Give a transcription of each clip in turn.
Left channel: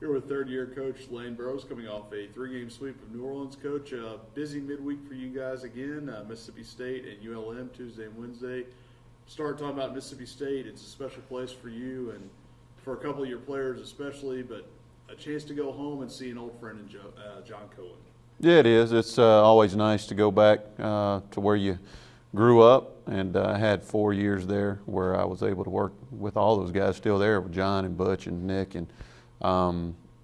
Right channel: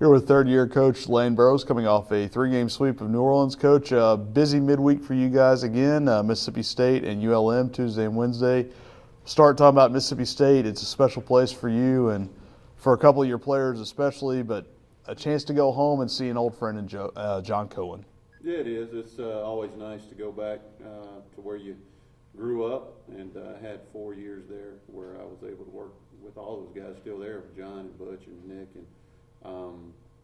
Here with third-year coach Lane Burroughs coming off a three-game sweep of New Orleans. Coach, busy midweek for you guys again. Mississippi State and ULM Tuesday and Wednesday. Start talking about Mississippi State. It's a special place for you and for a couple of your players especially, but a chance to go home and see an old friend in John Cohen. Yeah, it is. It's always nice to go back to where you grew up, and I had 4 years there where I was able to work with all those guys still there, with John and Butch and Nick, and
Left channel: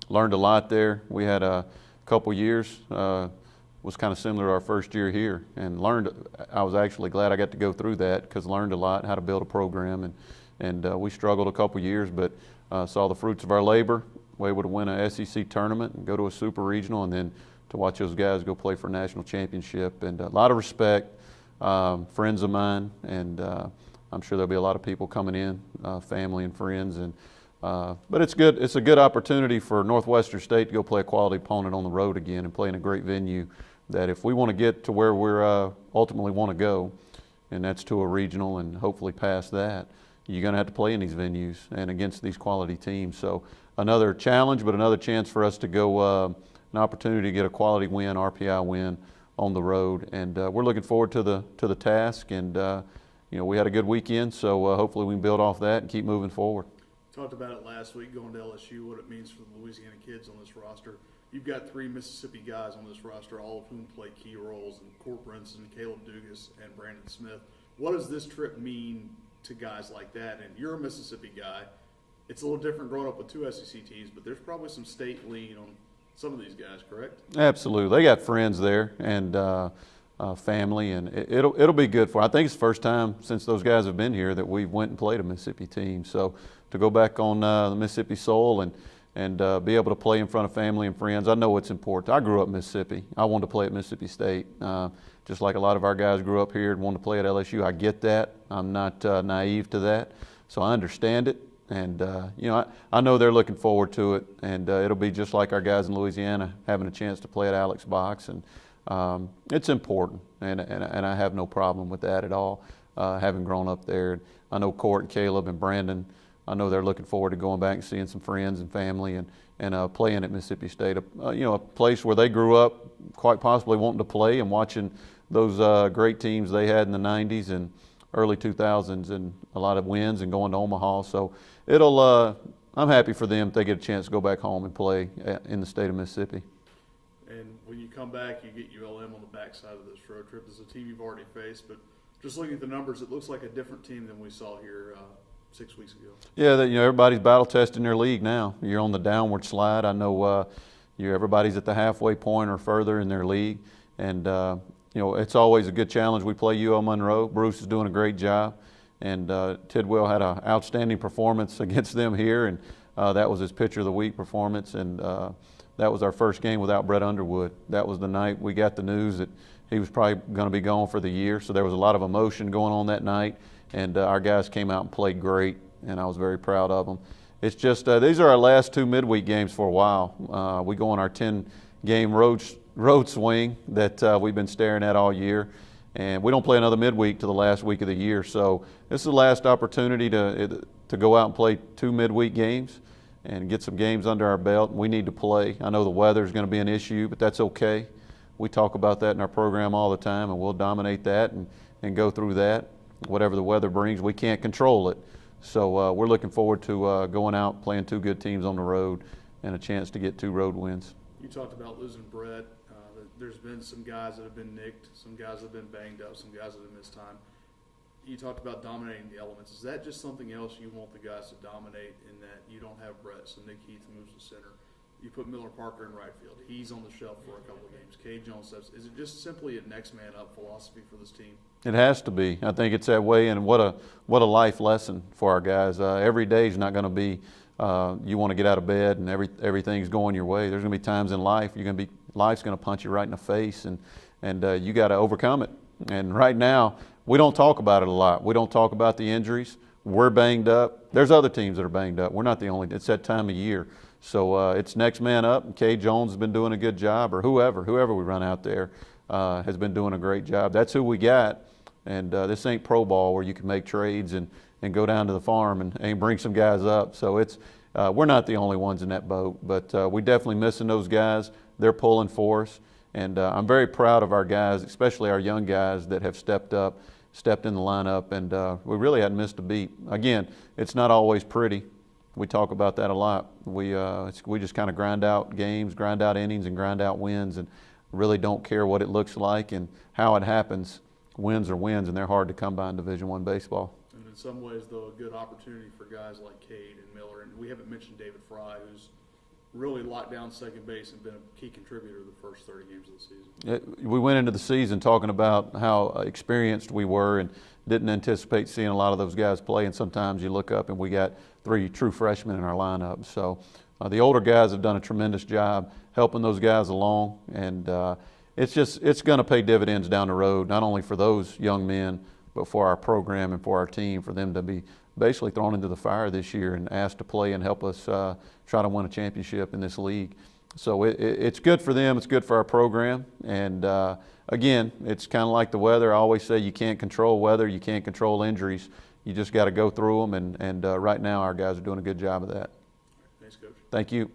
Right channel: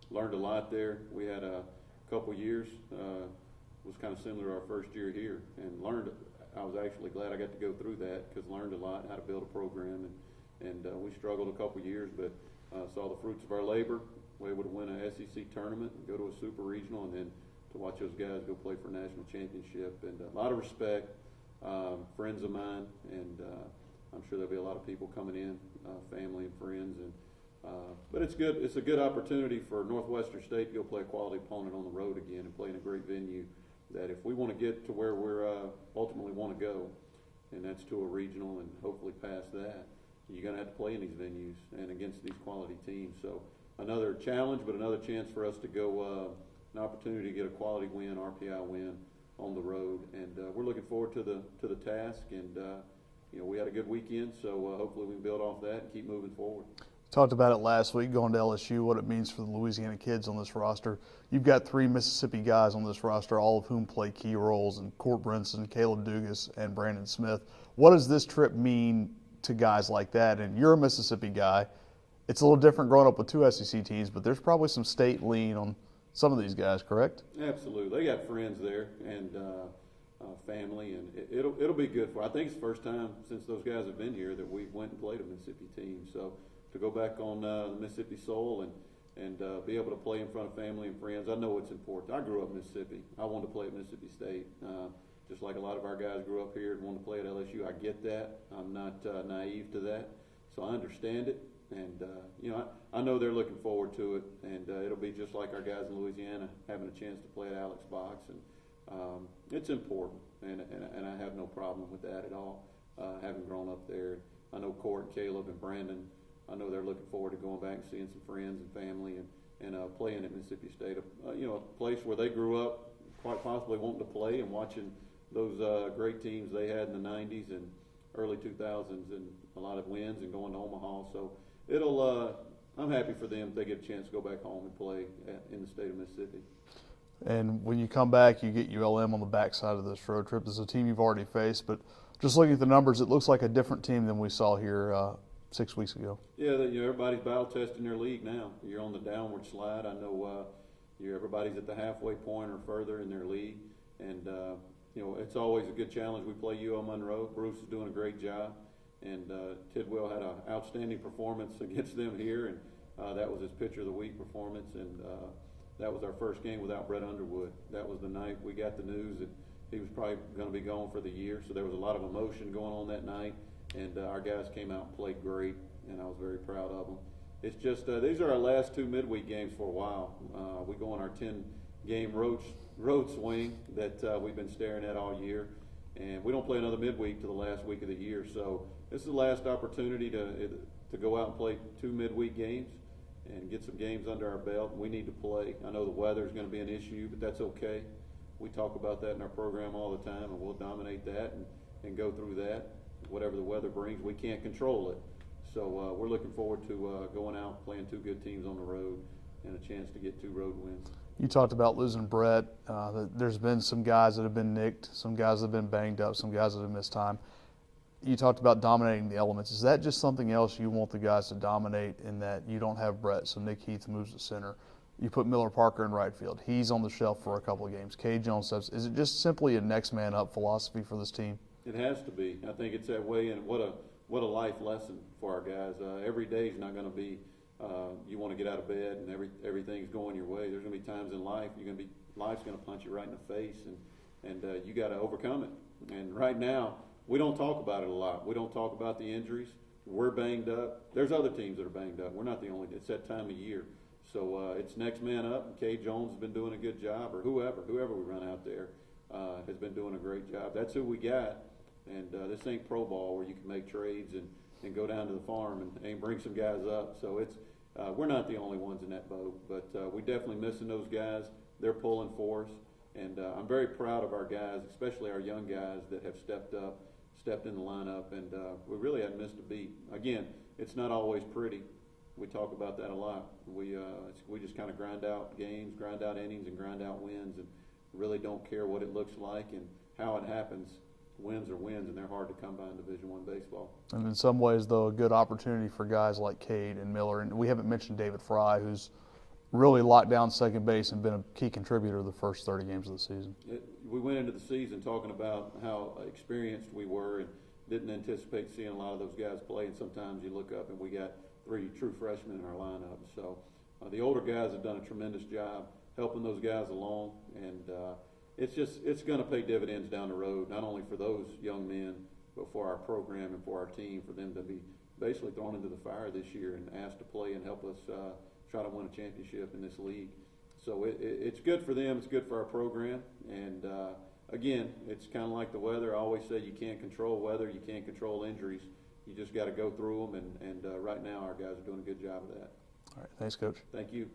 learned a lot there. We had a couple years, was kind of similar to our first year here, and learned. I was actually glad I got to go through that because learned a lot how to build a program, and we struggled a couple years, but saw the fruits of our labor. Were able to win a SEC tournament and go to a super regional, and then to watch those guys go play for a national championship. And a lot of respect, friends of mine, and I'm sure there'll be a lot of people coming in, family and friends. And but it's good. It's a good opportunity for Northwestern State to go play a quality opponent on the road again and play in a great venue. That if we want to get to where we're ultimately want to go, and that's to a regional and hopefully past that, you're going to have to play in these venues and against these quality teams. So another challenge, but another chance for us to go, an opportunity to get a quality win, RPI win on the road. And we're looking forward to the task. And we had a good weekend, so hopefully we can build off that and keep moving forward. Talked about it last week, going to LSU, what it means for the Louisiana kids on this roster. You've got 3 Mississippi guys on this roster, all of whom play key roles, in Court Brinson, Caleb Dugas, and Brandon Smith. What does this trip mean to guys like that? And you're a Mississippi guy. It's a little different growing up with 2 SEC teams, but there's probably some state lean on some of these guys, correct? Absolutely. They got friends there and family, and it'll be good for them. I think it's the first time since those guys have been here that we went and played a Mississippi team. So to go back on the Mississippi soil and be able to play in front of family and friends, I know it's important. I grew up in Mississippi. I wanted to play at Mississippi State, just like a lot of our guys grew up here and wanted to play at LSU. I get that. I'm not naive to that, so I understand it. And, I know they're looking forward to it, and it'll be just like our guys in Louisiana having a chance to play at Alex Box. And it's important, and I have no problem with that at all, having grown up there. I know Court and Caleb and Brandon, I know they're looking forward to going back and seeing some friends and family and playing at Mississippi State, a place where they grew up, quite possibly wanting to play and watching those great teams they had in the 90s and early 2000s, and a lot of wins and going to Omaha. So I'm happy for them if they get a chance to go back home and play in the state of Mississippi. And when you come back, you get ULM on the backside of this road trip. This is a team you've already faced, but just looking at the numbers, it looks like a different team than we saw here 6 weeks ago. Yeah, everybody's battle testing their league now. You're on the downward slide. I know everybody's at the halfway point or further in their league, and it's always a good challenge. We play UL Monroe. Bruce is doing a great job, and Tidwell had an outstanding performance against them here, and that was his pitcher of the week performance, and that was our first game without Brett Underwood. That was the night we got the news that he was probably going to be gone for the year, so there was a lot of emotion going on that night, and our guys came out and played great, and I was very proud of them. It's just these are our last 2 midweek games for a while. We go on our 10-game road swing that we've been staring at all year, and we don't play another midweek to the last week of the year. So this is the last opportunity to go out and play 2 midweek games and get some games under our belt. We need to play. I know the weather is going to be an issue, but that's okay. We talk about that in our program all the time, and we'll dominate that and go through that. Whatever the weather brings, we can't control it. So we're looking forward to going out, playing 2 good teams on the road, and a chance to get 2 road wins. You talked about losing Brett. There's been some guys that have been nicked, some guys that have been banged up, some guys that have missed time. You talked about dominating the elements. Is that just something else you want the guys to dominate, in that you don't have Brett, so Nick Heath moves to center? You put Miller Parker in right field. He's on the shelf for a couple of games. Kay Jones steps. Is it just simply a next man up philosophy for this team? It has to be. I think it's that way, and what a life lesson for our guys. Every day is not going to be you want to get out of bed and everything's going your way. There's going to be times in life life's going to punch you right in the face, and you got to overcome it. And right now, we don't talk about it a lot. We don't talk about the injuries. We're banged up. There's other teams that are banged up. We're not the only. It's that time of year. So it's next man up, and Kay Jones has been doing a good job, or whoever we run out there has been doing a great job. That's who we got. And this ain't pro ball where you can make trades and go down to the farm and bring some guys up. So it's we're not the only ones in that boat, but we definitely missing those guys. They're pulling for us, and I'm very proud of our guys, especially our young guys that have stepped up, stepped in the lineup, and we really hadn't missed a beat. Again, it's not always pretty. We talk about that a lot. We just kind of grind out games, grind out innings, and grind out wins, and really don't care what it looks like and how it happens. Wins are wins, and they're hard to come by in Division I baseball. And in some ways, though, a good opportunity for guys like Cade and Miller. And we haven't mentioned David Fry, who's really locked down second base and been a key contributor the first 30 games of the season. We went into the season talking about how experienced we were and didn't anticipate seeing a lot of those guys play. And sometimes you look up and we got 3 true freshmen in our lineup. So the older guys have done a tremendous job helping those guys along. And it's going to pay dividends down the road, not only for those young men, but for our program and for our team, for them to be basically thrown into the fire this year and asked to play and help us try to win a championship in this league. So it's good for them, it's good for our program, and again, it's kind of like the weather. I always say you can't control weather, you can't control injuries. You just got to go through them, and right now our guys are doing a good job of that. All right, thanks, Coach. Thank you.